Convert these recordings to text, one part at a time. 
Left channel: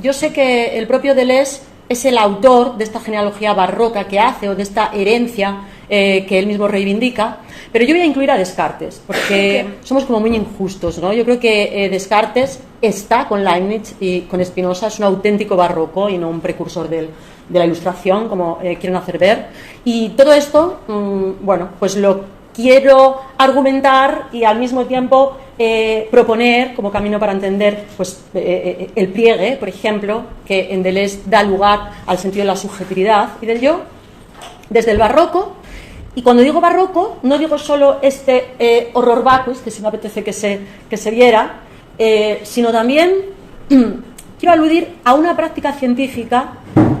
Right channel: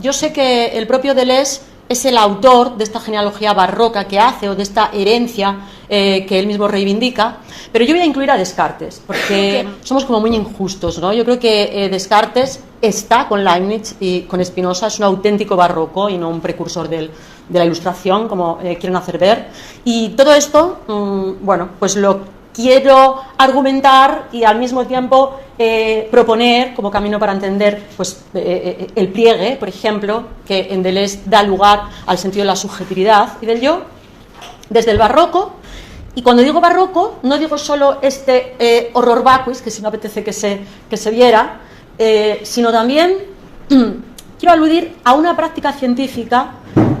Yo sé que el propio Deleuze es el autor de esta genealogía barroca que hace, o de esta herencia que él mismo reivindica, pero yo voy a incluir a Descartes, porque somos como muy injustos, ¿no? Yo creo que Descartes está con Leibniz y con Spinoza, es un auténtico barroco y no un precursor de la Ilustración, como quieren hacer ver. Y todo esto, bueno, pues lo quiero argumentar y al mismo tiempo proponer como camino para entender pues, el pliegue, por ejemplo, que en Deleuze da lugar al sentido de la subjetividad y del yo, desde el barroco. Y cuando digo barroco, no digo solo este horror vacuus, que si me apetece que se viera, sino también quiero aludir a una práctica científica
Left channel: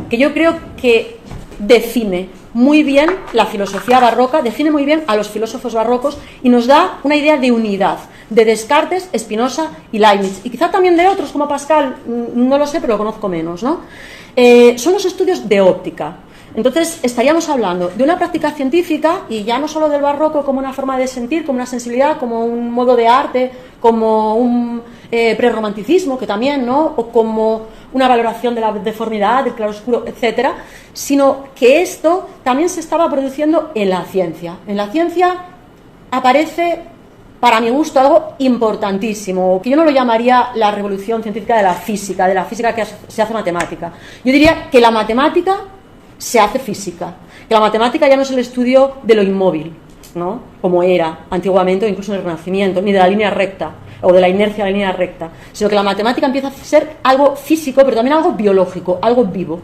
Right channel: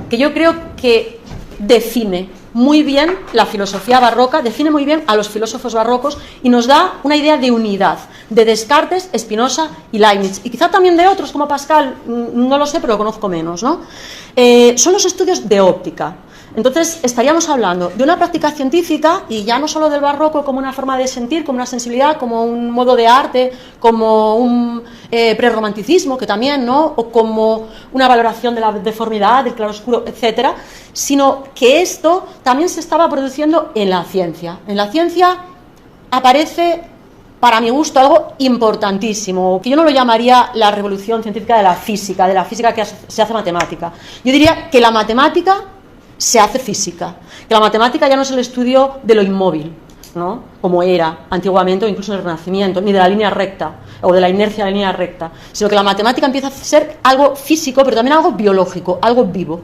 que yo creo que define muy bien la filosofía barroca, define muy bien a los filósofos barrocos y nos da una idea de unidad, de Descartes, Spinoza y Leibniz, y quizá también de otros como Pascal, no lo sé, pero lo conozco menos, ¿no? Son los estudios de óptica. Entonces estaríamos hablando de una práctica científica, y ya no solo del barroco como una forma de sentir, como una sensibilidad, como un modo de arte, como un prerromanticismo, que también, ¿no? O como una valoración de la deformidad, del claroscuro, etcétera, sino que esto también se estaba produciendo en la ciencia. En la ciencia aparece, para mi gusto, algo importantísimo, que yo no lo llamaría la revolución científica de la física que se hace matemática. Yo diría que la matemática se hace física, que la matemática ya no es el estudio de lo inmóvil, ¿no? Como era antiguamente o incluso en el Renacimiento, ni de la línea recta o de la inercia de la línea recta, sino que la matemática empieza a ser algo físico, pero también algo biológico, algo vivo.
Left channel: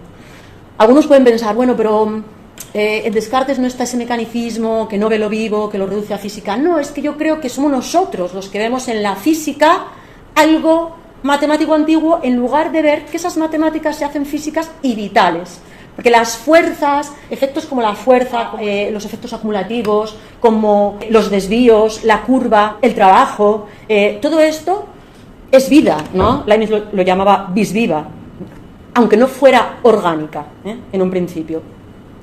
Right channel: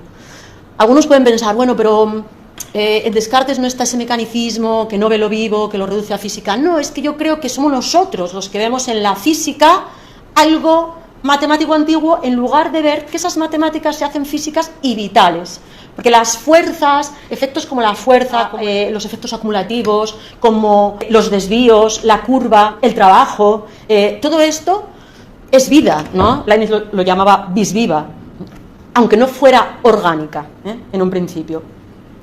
Algunos pueden pensar, bueno, pero en Descartes no está ese mecanicismo que no ve lo vivo, que lo reduce a física. No, es que yo creo que somos nosotros los que vemos en la física algo matemático antiguo, en lugar de ver que esas matemáticas se hacen físicas y vitales. Porque las fuerzas, efectos como la fuerza, los efectos acumulativos, como los desvíos, la curva, el trabajo, todo esto es vida, ¿no? Leibniz lo llamaba vis viva, aunque no fuera orgánica, en un principio.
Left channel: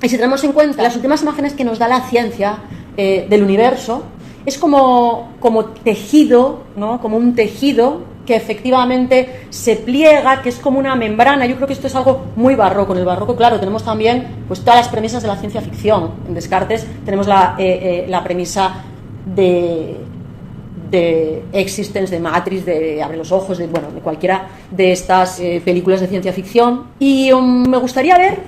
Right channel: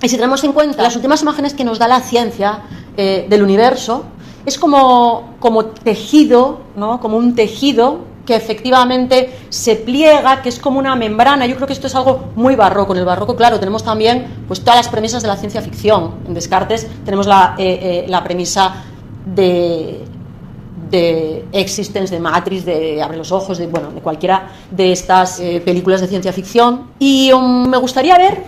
Y si tenemos en cuenta las últimas imágenes que nos da la ciencia del universo, es como tejido, ¿no? Como un tejido que efectivamente se pliega, que es como una membrana. Yo creo que esto es algo muy barroco. En el barroco, claro, tenemos también pues todas las premisas de la ciencia ficción. En Descartes tenemos la premisa de Existence, de Matrix, de Abre los ojos, de cualquiera de estas películas de ciencia ficción. Y me gustaría ver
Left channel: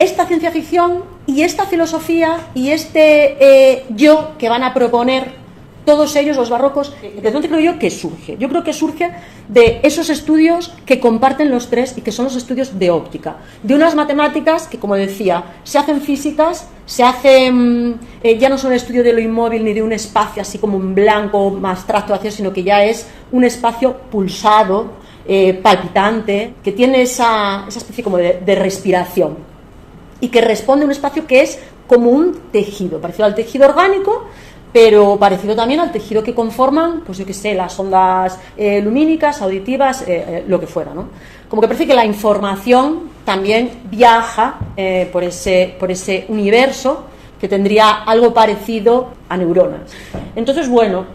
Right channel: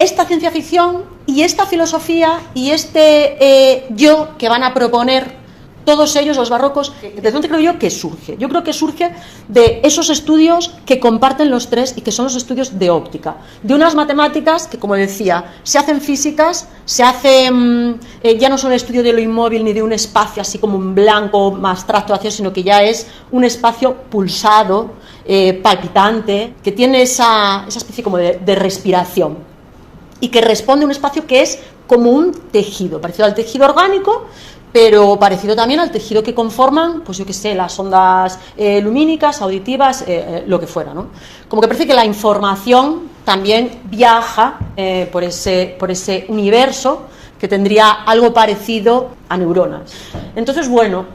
esta ciencia ficción y esta filosofía y este yo que van a proponer todos ellos, los barrocos. ¿De dónde creo yo que surge? Yo creo que surge de esos estudios que comparten los tres y que son los estudios de óptica, de unas matemáticas que, como decía, se hacen físicas, se hacen ya no son el estudio de lo inmóvil ni de un espacio así como un blanco más abstracto, sino que ya es un espacio pulsado, palpitante, que tiene esa especie como de respiración y que responde a un espacio que es como un tejido, parecido al tejido orgánico, pero parecido también al tejido que conforman, pues yo qué sé, las ondas lumínicas, auditivas, lo que fuera, ¿no? Como que parece que la información también viaja por ese universo que tendría algo parecido a neuronas. Entonces, bueno,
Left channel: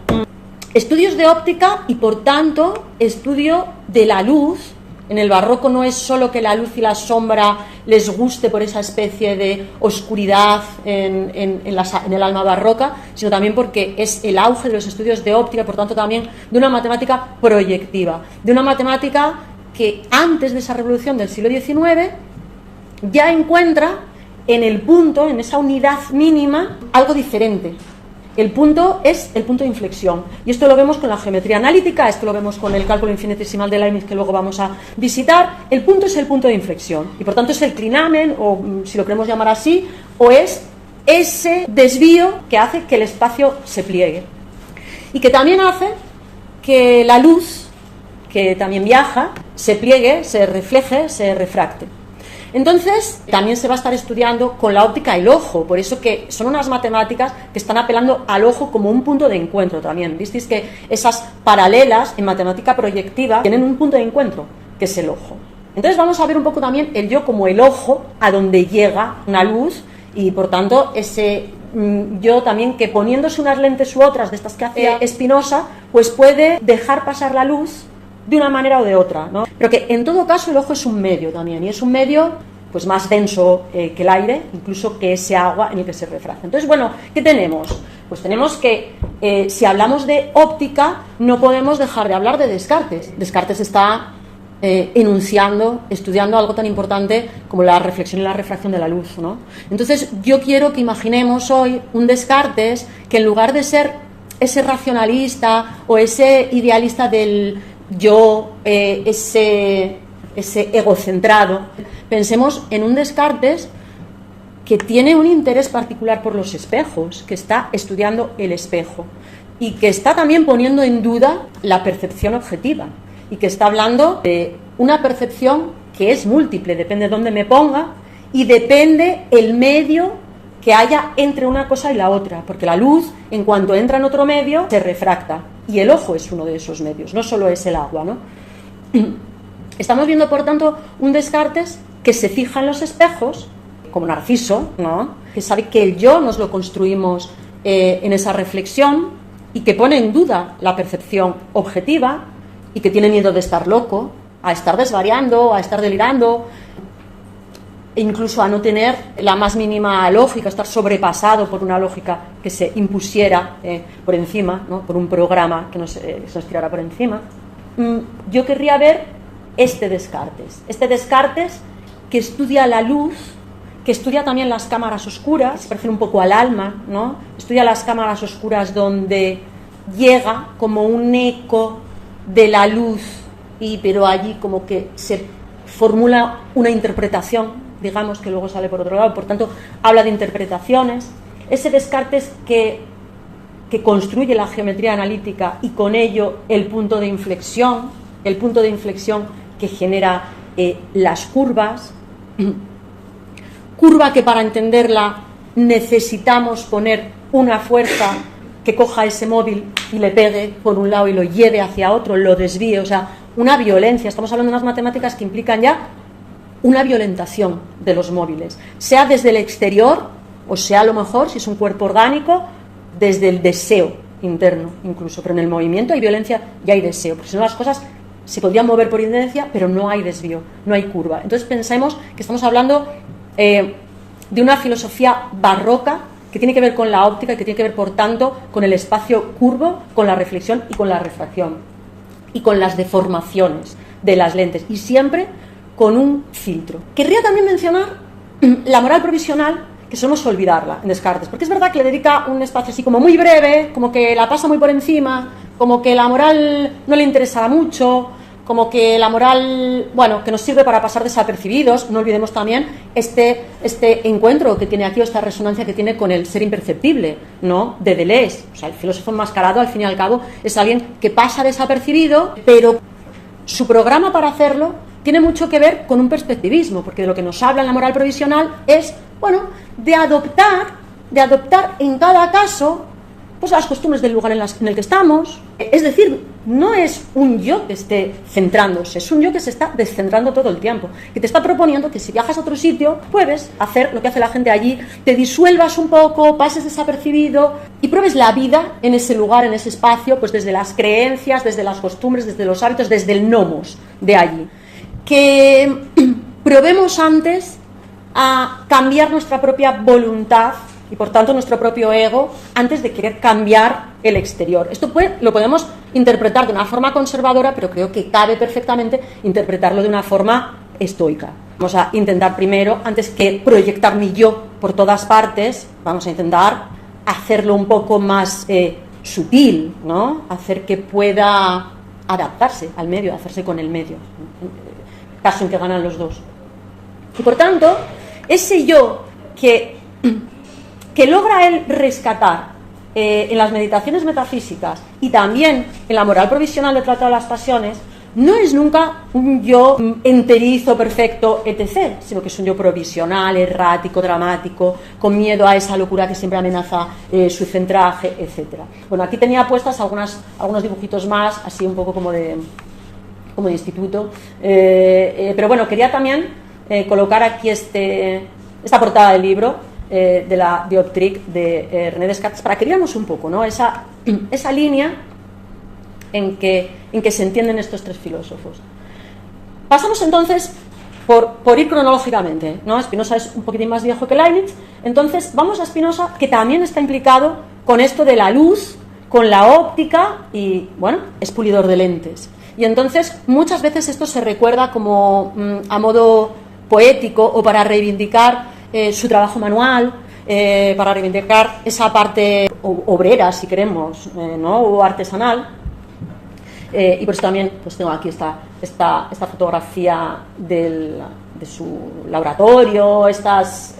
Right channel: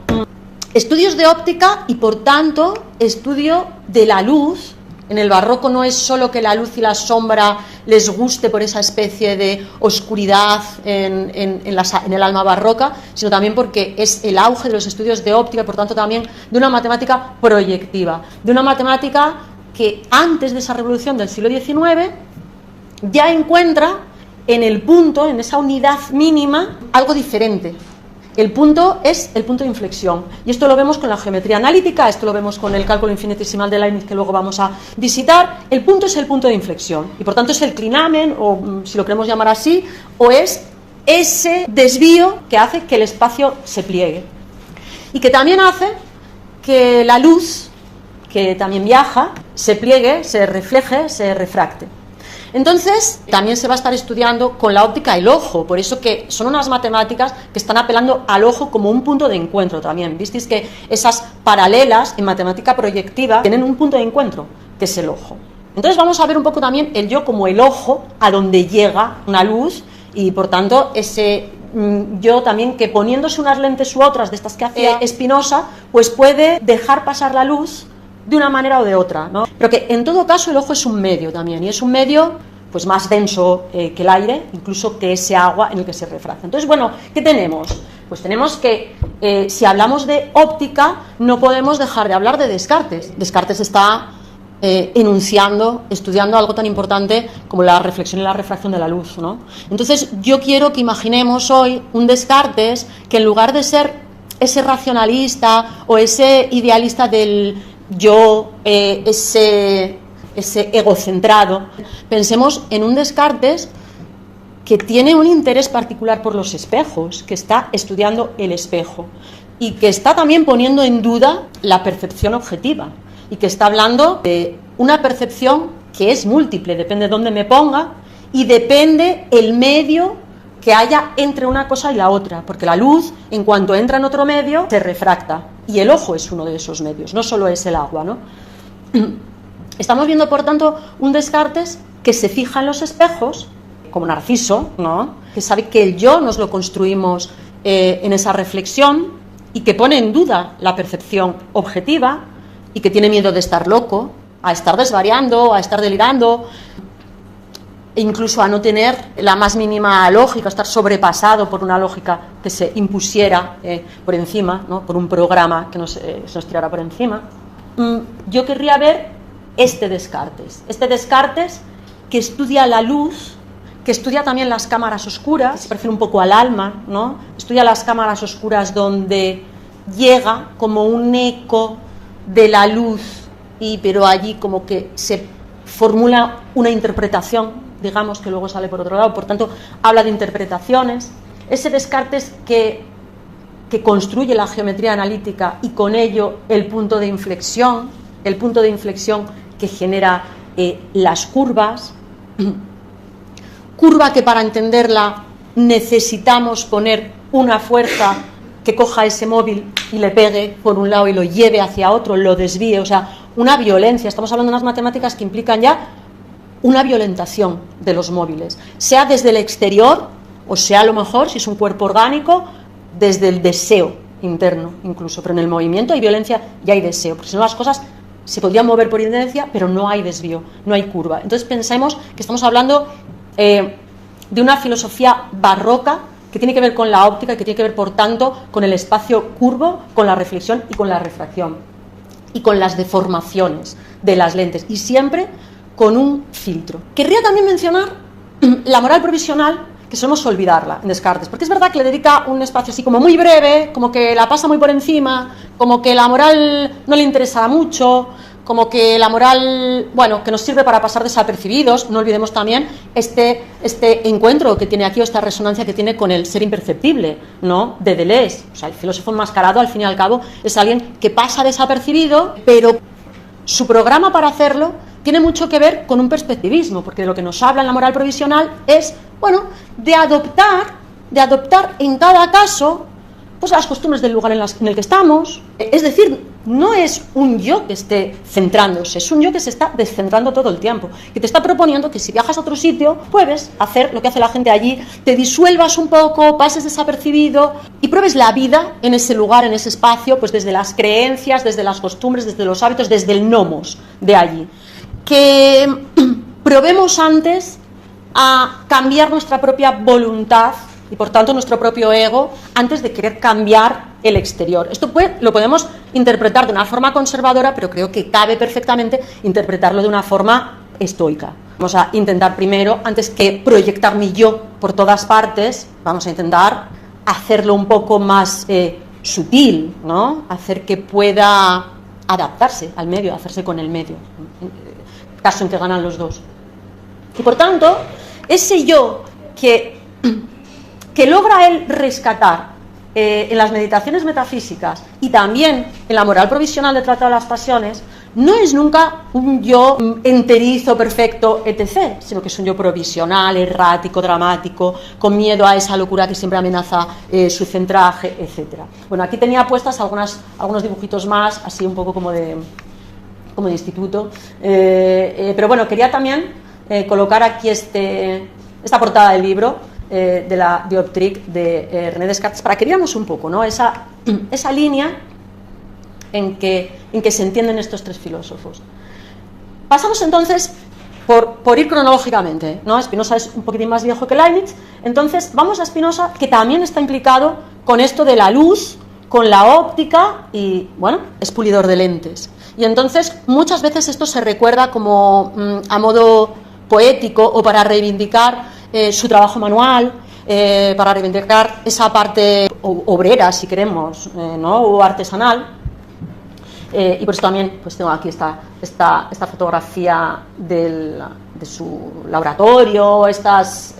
estudios de óptica y, por tanto, estudio de la luz. En el barroco no es solo que la luz y la sombra les guste por esa especie de oscuridad en el alma barroca, sino también porque es el auge de los estudios de óptica y, por tanto, también de una matemática proyectiva, de una matemática que antes de esa revolución del siglo XIX ya encuentra en el punto, en esa unidad mínima, algo diferente. El punto es el punto de inflexión, y esto lo vemos con la geometría analítica, esto lo vemos con el cálculo infinitesimal de Leibniz, que luego vamos a visitar. El punto es el punto de inflexión, y por tanto es el clinamen, o si lo queremos llamar así, o es ese desvío que hace que el espacio se pliegue, y que también hace que la luz, que también viaja, se pliegue, se refleje, se refracte. Entonces, también se va a estar estudiando con la óptica el ojo, por eso que son unas matemáticas que están apelando al ojo como un punto de encuentro también. Visteis que esas paralelas en matemática proyectiva tienen un punto de encuentro, que es el ojo. Entonces vamos a ver un poco también el yo como el ojo a donde llega una luz, y por tanto ese yo también que poniéndose unas lentes u otras de estas que hace Spinoza, pues puede dejar pasar la luz de una manera o de otra, ¿no? Pero que en todo caso el ojo es un medio también, y es un medio pues más denso que el aire, incluso que ese agua en el que se refracta. Entonces, bueno, ¿qué tenemos? Pues tenemos que, si hablamos de óptica, no podemos dejar de hablar de Descartes. Descartes está estudiando algo tan importante como la reflexión y la refracción de la luz, ¿no? Entonces, yo quiero que imaginemos hoy un Descartes que en lugar de ser ese racionalista o ese idealista del yo, ese egocentrado, pensemos en un Descartes que tiene un interés particular por los espejos, que está estudiando el espejo y que está también poniendo en duda la percepción objetiva y que está hablando de una percepción que es múltiple, depende de dónde me ponga y depende el medio que haya entre una cosa y la otra, porque la luz, en cuanto entra en otro medio, se refracta y el ojo es uno de esos medios, no solo es el agua, ¿no? Estamos viendo, por tanto, un Descartes que se fija en los espejos, como Narciso, ¿no? Que sabe que el yo nos lo construimos en esa reflexión y que pone en duda la percepción objetiva y que tiene miedo de estar loco, a estar desvariando, a estar delirando, e incluso a no tener la más mínima lógica, a estar sobrepasado por una lógica que se impusiera por encima, ¿no? Por un programa que se nos tirara por encima. Yo querría ver este Descartes que estudia la luz, que estudia también las cámaras oscuras, se parece un poco al alma, ¿no? Estudia las cámaras oscuras donde llega como un eco de la luz, pero allí como que se formula una interpretación, digamos, que luego sale por otro lado, por tanto habla de interpretaciones. Ese Descartes que construye la geometría analítica y con ello el punto de inflexión que genera las curvas, curva que para entenderla necesitamos poner una fuerza que coja ese móvil y le pegue por un lado y lo lleve hacia otro, lo desvíe, o sea, una violencia. Estamos hablando de unas matemáticas que implican ya una violentación de los móviles, sea desde el exterior o sea a lo mejor, si es un cuerpo orgánico, desde el deseo interno incluso, pero en el movimiento hay violencia y hay deseo, porque si no las cosas se podrían mover por inercia, pero no hay desvío, no hay curva. Entonces pensemos que estamos hablando de una filosofía barroca que tiene que ver con la óptica y que tiene que ver, por tanto, con el espacio curvo, con la reflexión y con la refracción y con las deformaciones de las lentes y siempre con un filtro. Querría también mencionar la moral provisional, que solemos olvidarla en Descartes, porque es verdad que le dedica un espacio así como muy breve, como que la pasa muy por encima, como que la moral no le interesa mucho, como que la moral, bueno, que nos sirve para pasar desapercibidos. No olvidemos también este encuentro que tiene aquí, o esta resonancia que tiene con el ser imperceptible, ¿no? De Deleuze. O sea, el filósofo enmascarado, al fin y al cabo, es alguien que pasa desapercibido, pero su programa para hacerlo tiene mucho que ver con un perspectivismo, porque de lo que nos habla en la moral provisional es, bueno, de adoptar en cada caso pues las costumbres del lugar en el que estamos. Es decir, no es un yo que esté centrándose, es un yo que se está descentrando todo el tiempo, que te está proponiendo que si viajas a otro sitio puedes hacer lo que hace la gente allí, te disuelvas un poco, pases desapercibido y pruebes la vida en ese lugar, en ese espacio, pues desde las creencias, desde las costumbres, desde los hábitos, desde el nomos de allí. Que probemos antes a cambiar nuestra propia voluntad y por tanto nuestro propio ego antes de querer cambiar el exterior. Esto lo podemos interpretar de una forma conservadora, pero creo que cabe perfectamente interpretarlo de una forma estoica. Vamos a intentar primero, antes que proyectar mi yo por todas partes, vamos a intentar hacerlo un poco más sutil, ¿no? Hacer que pueda adaptarse al medio, hacerse con el medio, caso en que ganan los dos. Y por tanto, ese yo que logra él rescatar en las meditaciones metafísicas y también en la moral provisional del Tratado de las Pasiones, no es nunca un yo enterizo, perfecto, etc., sino que es un yo provisional, errático, dramático, con miedo a esa locura que siempre amenaza su centraje, etc. Bueno, aquí tenía puestas algunos dibujitos más, así un poco como de instituto, pero bueno, quería también colocar aquí esta portada del libro, de la Dioptrique de René Descartes, para que veamos un poco, ¿no? esa línea en que se entienden estos tres filósofos. Pasamos entonces por ir cronológicamente, ¿no? Spinoza es un poquitín más viejo que Leibniz, entonces vamos a Spinoza, que también está implicado con esto de la luz, con la óptica y, bueno, es pulidor de lentes. Y entonces muchas veces esto se recuerda como a modo poético o para reivindicar su trabajo manual, para reivindicar esa parte obrera, si queremos, ¿no? O artesanal. Y por eso también pues tengo aquí esta fotografía de su laboratorio, estas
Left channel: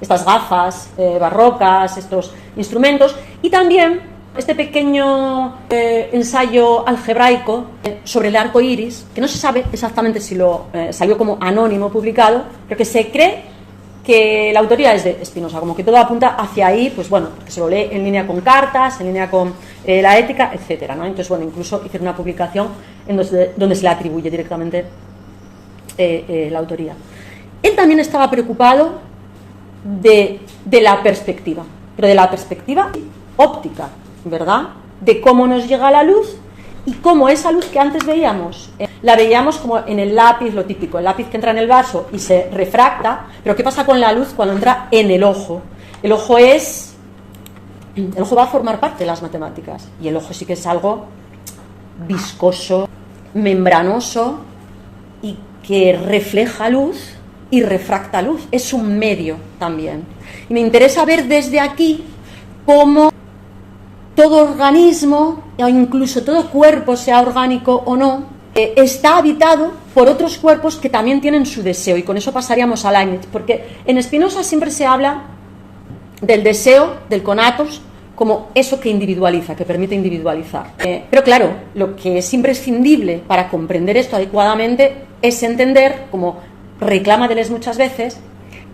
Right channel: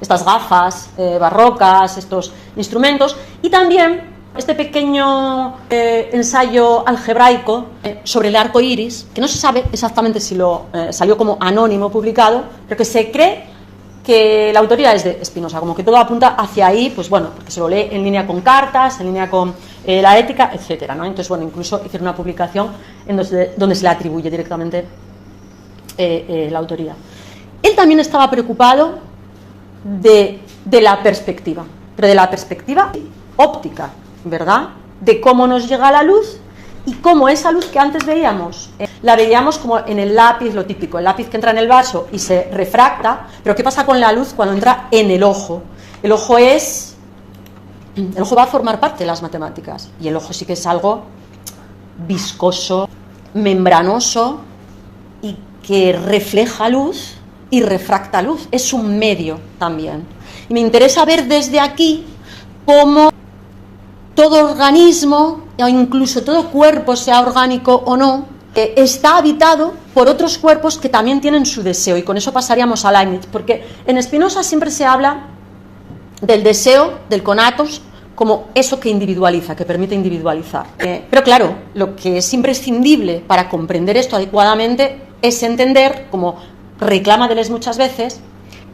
gafas barrocas, estos instrumentos, y también este pequeño ensayo algebraico sobre el arco iris, que no se sabe exactamente si salió como anónimo publicado, pero que se cree que la autoría es de Spinoza, como que todo apunta hacia ahí, pues bueno, porque se lo lee en línea con cartas, en línea con la ética, etcétera, ¿no? Entonces, bueno, incluso hicieron una publicación donde se le atribuye directamente la autoría. Él también estaba preocupado de la perspectiva, pero de la perspectiva óptica, ¿verdad? De cómo nos llega la luz y cómo esa luz que antes veíamos, la veíamos como en el lápiz, lo típico, el lápiz que entra en el vaso y se refracta, pero ¿qué pasa con la luz cuando entra en el ojo? El ojo va a formar parte de las matemáticas y el ojo sí que es algo viscoso, membranoso y que refleja luz y refracta luz, es un medio también. Y me interesa ver desde aquí cómo todo organismo, o incluso todo cuerpo, sea orgánico o no, está habitado por otros cuerpos que también tienen su deseo, y con eso pasaríamos a Leibniz, porque en Spinoza siempre se habla del deseo, del conatos, como eso que individualiza, que permite individualizar. Pero claro, lo que es imprescindible para comprender esto adecuadamente es entender, como reclama Deleuze muchas veces,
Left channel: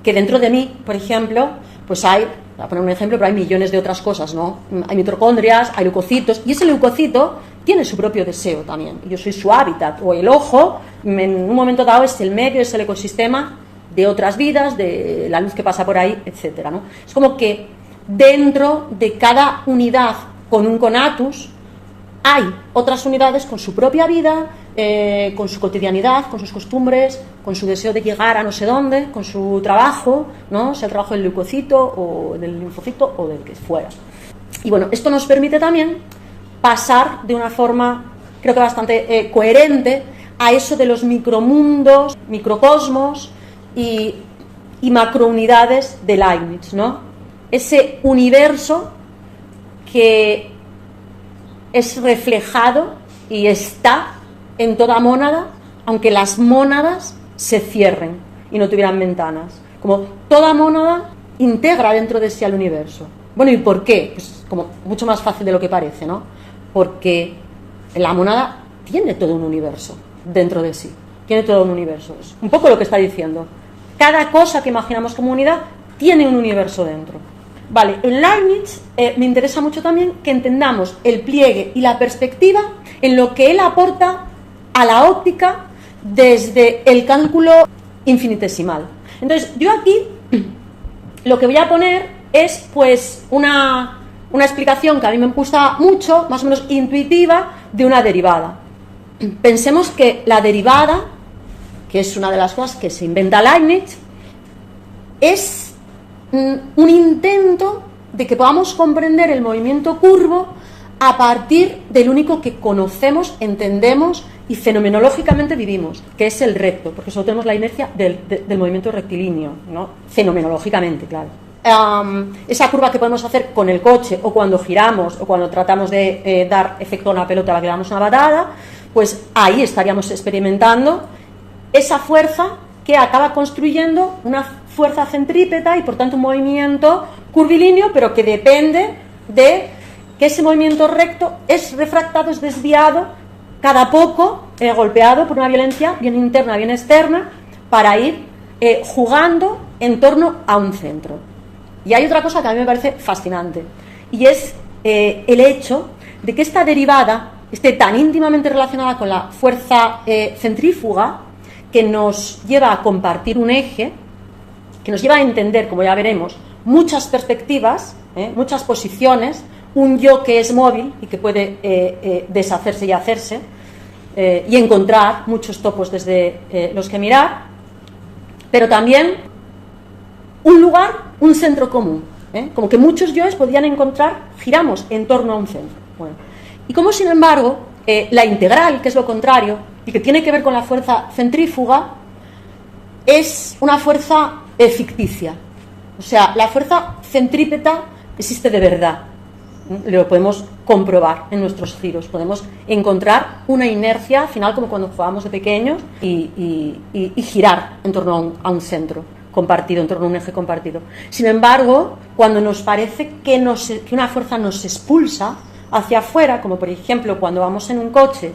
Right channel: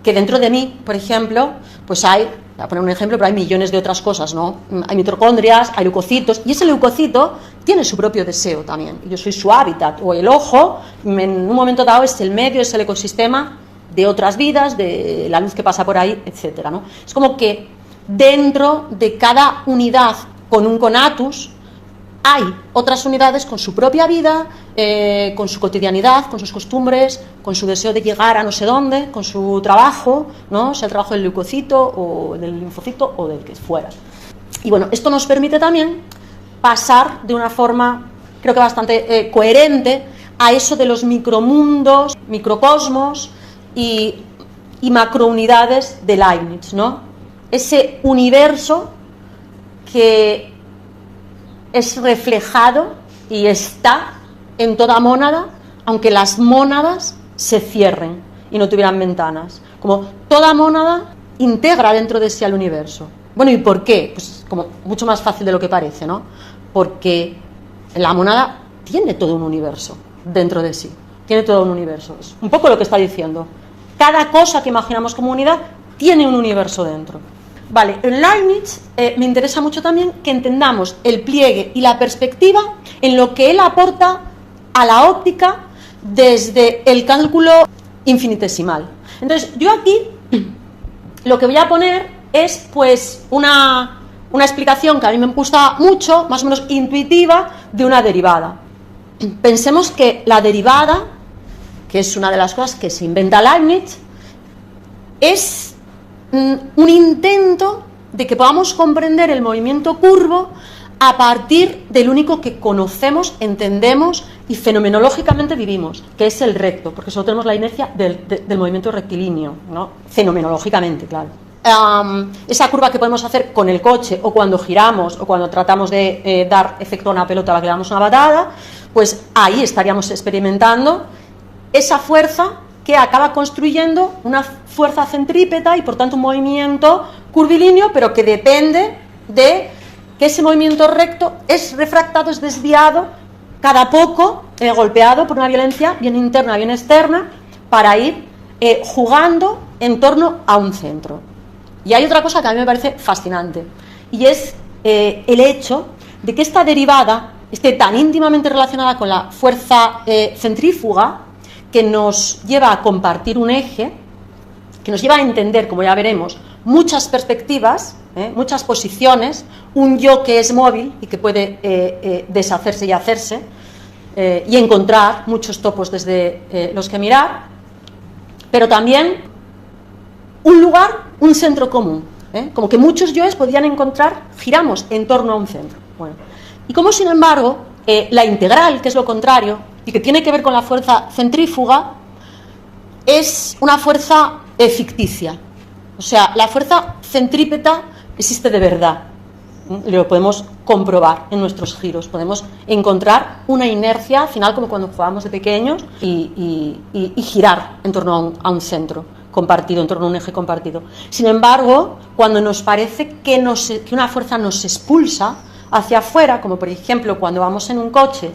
que dentro de mí, por ejemplo, pues hay, voy a poner un ejemplo, pero hay millones de otras cosas, ¿no? Hay mitocondrias, hay leucocitos, y ese leucocito tiene su propio deseo también. Yo soy su hábitat, o el ojo, en un momento dado es el medio, es el ecosistema de otras vidas, de la luz que pasa por ahí, etcétera, ¿no? Es como que dentro de cada unidad con un conatus hay otras unidades con su propia vida, con su cotidianidad, con sus costumbres, con su deseo de llegar a no sé dónde, con su trabajo, ¿no? O sea, el trabajo del leucocito o del linfocito o del que fuera. Y bueno, esto nos permite también pasar de una forma, creo que bastante coherente, a eso de los micromundos, microcosmos y macrounidades de Leibniz, ¿no? Ese universo que es reflejado y está en toda mónada, aunque las mónadas se cierren y no tuvieran ventanas. Como toda mónada integra dentro de sí al universo. Bueno, ¿y por qué? Pues como mucho más fácil de lo que parece, ¿no? Porque la mónada tiene todo un universo dentro de sí. Tiene todo un universo. Es un poco lo que está diciendo. Cada cosa que imaginamos como unidad tiene un universo dentro. Vale, en Leibniz me interesa mucho también que entendamos el pliegue y la perspectiva en lo que él aporta a la óptica desde el cálculo infinitesimal. Entonces, yo aquí lo que voy a poner es pues una explicación que a mí me gusta mucho, más o menos intuitiva, de una derivada. Pensemos que la derivada, que es una de las cosas que se inventa Leibniz, es un intento de que podamos comprender el movimiento curvo a partir del único que conocemos, entendemos y fenomenológicamente vivimos, que es el recto, porque solo tenemos la inercia del movimiento rectilíneo, ¿no? Fenomenológicamente, claro. Esa curva que podemos hacer con el coche o cuando giramos o cuando tratamos de dar efecto a una pelota a la que le damos una patada, pues ahí estaríamos experimentando esa fuerza que acaba construyendo una fuerza centrípeta y por tanto un movimiento curvilíneo, pero que depende de que ese movimiento recto es refractado, es desviado cada poco, golpeado por una violencia bien interna, bien externa, para ir jugando en torno a un centro. Y hay otra cosa que a mí me parece fascinante, y es el hecho de que esta derivada esté tan íntimamente relacionada con la fuerza centrífuga, que nos lleva a compartir un eje, que nos lleva a entender, como ya veremos, muchas perspectivas, muchas posiciones, un yo que es móvil y que puede deshacerse y hacerse, y encontrar muchos topos desde los que mirar, pero también un lugar, un centro común, como que muchos yoes podían encontrar, giramos en torno a un centro. Bueno, y como sin embargo la integral, que es lo contrario y que tiene que ver con la fuerza centrífuga, es una fuerza ficticia. O sea, la fuerza centrípeta existe de verdad. Lo podemos comprobar en nuestros giros. Podemos encontrar una inercia final, como cuando jugábamos de pequeños, y girar en torno a un centro compartido, en torno a un eje compartido. Sin embargo, cuando nos parece que una fuerza nos expulsa hacia afuera, como por ejemplo cuando vamos en un coche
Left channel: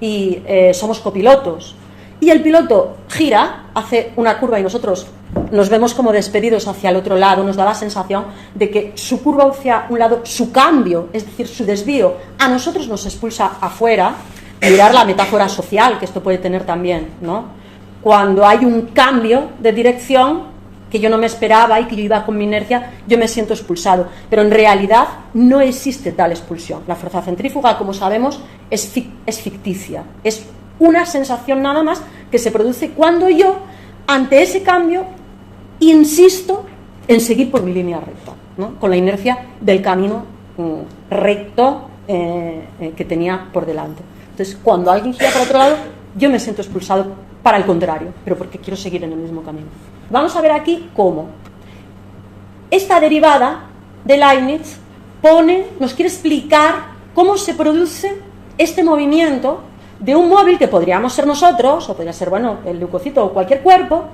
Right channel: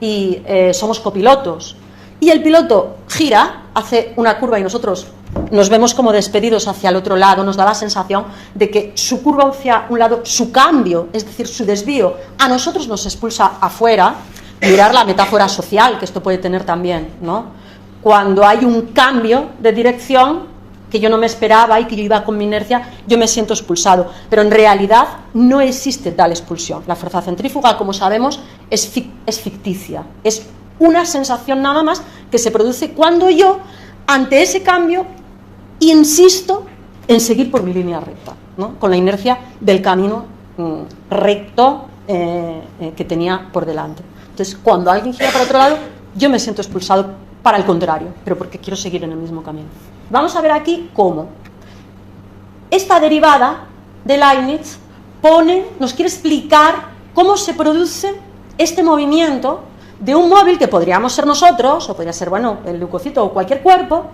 y somos copilotos, y el piloto gira, hace una curva y nosotros nos vemos como despedidos hacia el otro lado, nos da la sensación de que su curva hacia un lado, su cambio, es decir, su desvío, a nosotros nos expulsa afuera. Mirar la metáfora social que esto puede tener también, ¿no? Cuando hay un cambio de dirección que yo no me esperaba y que yo iba con mi inercia, yo me siento expulsado. Pero en realidad no existe tal expulsión. La fuerza centrífuga, como sabemos, es ficticia. Es una sensación nada más que se produce cuando yo, ante ese cambio, insisto en seguir por mi línea recta, ¿no? Con la inercia del camino recto que tenía por delante. Entonces, cuando alguien gira para otro lado, yo me siento expulsado para el contrario, pero porque quiero seguir en el mismo camino. Vamos a ver aquí cómo. Esta derivada de Leibniz nos quiere explicar cómo se produce este movimiento de un móvil que podríamos ser nosotros, o podría ser, bueno, el leucocito o cualquier cuerpo,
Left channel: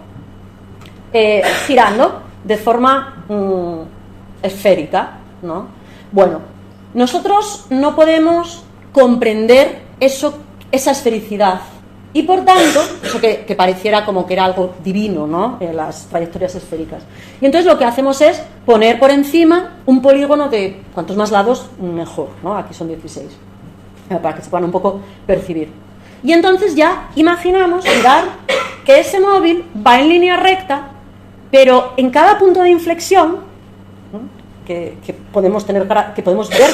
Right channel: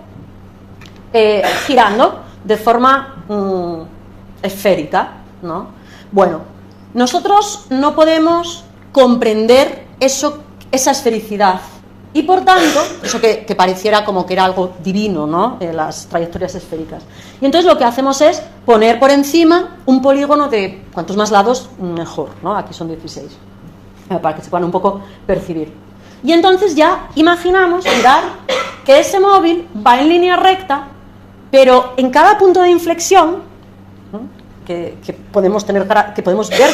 girando de forma esférica, ¿no? Bueno, nosotros no podemos comprender esa esfericidad y por tanto, eso que pareciera como que era algo divino, ¿no? Las trayectorias esféricas. Y entonces lo que hacemos es poner por encima un polígono de cuantos más lados mejor, ¿no? Aquí son 16, para que se puedan un poco percibir. Y entonces ya imaginamos, mirar, que ese móvil va en línea recta, pero en cada punto de inflexión, que podemos ver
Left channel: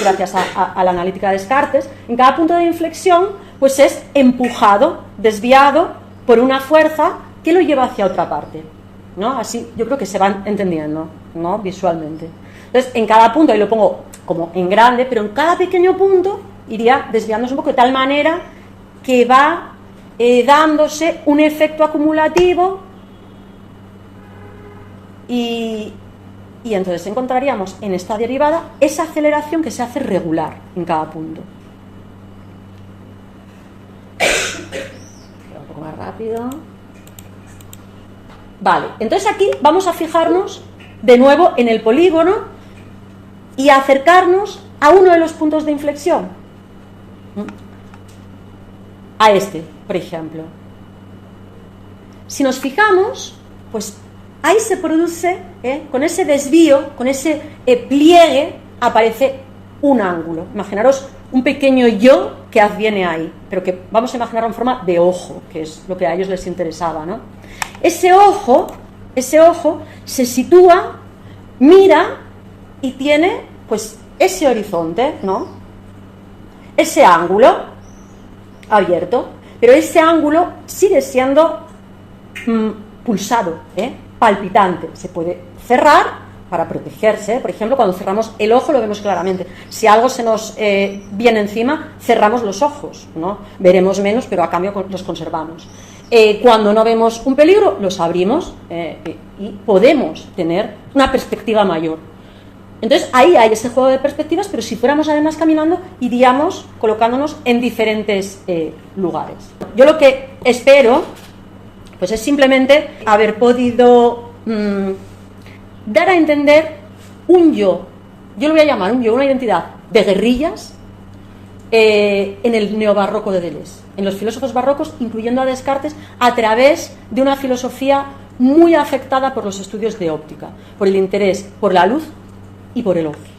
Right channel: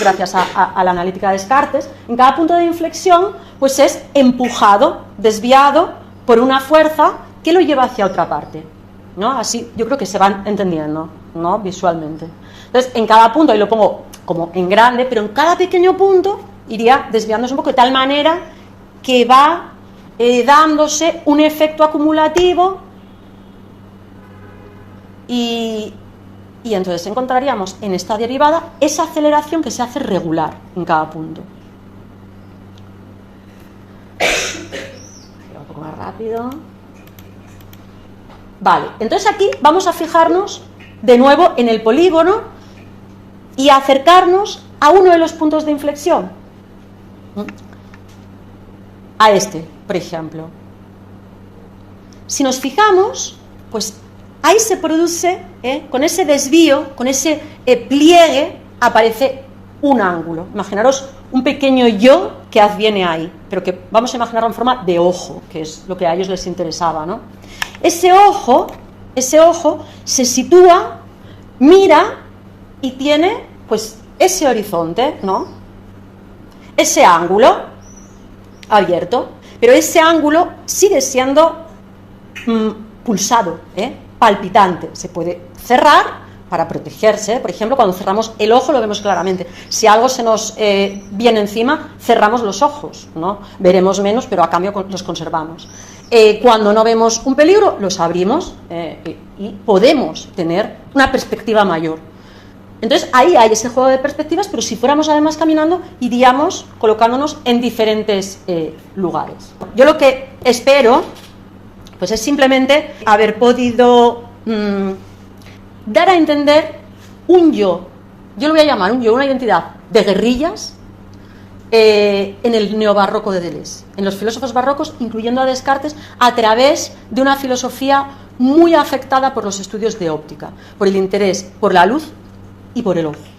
gracias a la analítica de Descartes, en cada punto de inflexión, pues es empujado, desviado por una fuerza que lo lleva hacia otra parte, ¿no? Así yo creo que se van entendiendo, ¿no? Visualmente. Entonces, en cada punto, ahí lo pongo como en grande, pero en cada pequeño punto iría desviándose un poco de tal manera que va dándose un efecto acumulativo y entonces encontraríamos en esta derivada esa aceleración que se hace regular en cada punto. Un poco más rápido. Vale, entonces aquí vamos a fijarnos de nuevo en el polígono y acercarnos a uno de los puntos de inflexión. A este, por ejemplo. Si nos fijamos, pues ahí se produce, con ese desvío, con ese pliegue, aparece un ángulo. Imaginaros un pequeño yo que adviene ahí, pero que vamos a imaginarlo en forma de ojo, que es lo que a ellos les interesaba, ¿no? Ese ojo se sitúa, mira y tiene, pues, ese horizonte, ¿no? Ese ángulo abierto, pero ese ángulo sigue siendo pulsado, palpitante. Se puede cerrar para protegerse. Por ejemplo, cuando cerramos el ojo lo vemos claramente. Si algo se nos viene encima, cerramos los ojos, ¿no? Veremos menos, pero a cambio los conservamos. Cuando no vemos un peligro, los abrimos y podemos tener una perspectiva mayor. Entonces ahí hay ese juego de perspectivas, pero si fuéramos además caminando, iríamos colocándonos en diferentes lugares. Yo lo que espero, pues, es simplemente haber podido dar a entender un yo lo voy a llamar un yo, una identidad de guerrillas en el neobarroco de Deleuze, en los filósofos barrocos, incluyendo a Descartes, a través de una filosofía muy afectada por los estudios de óptica, por el interés por la luz y por el ocio.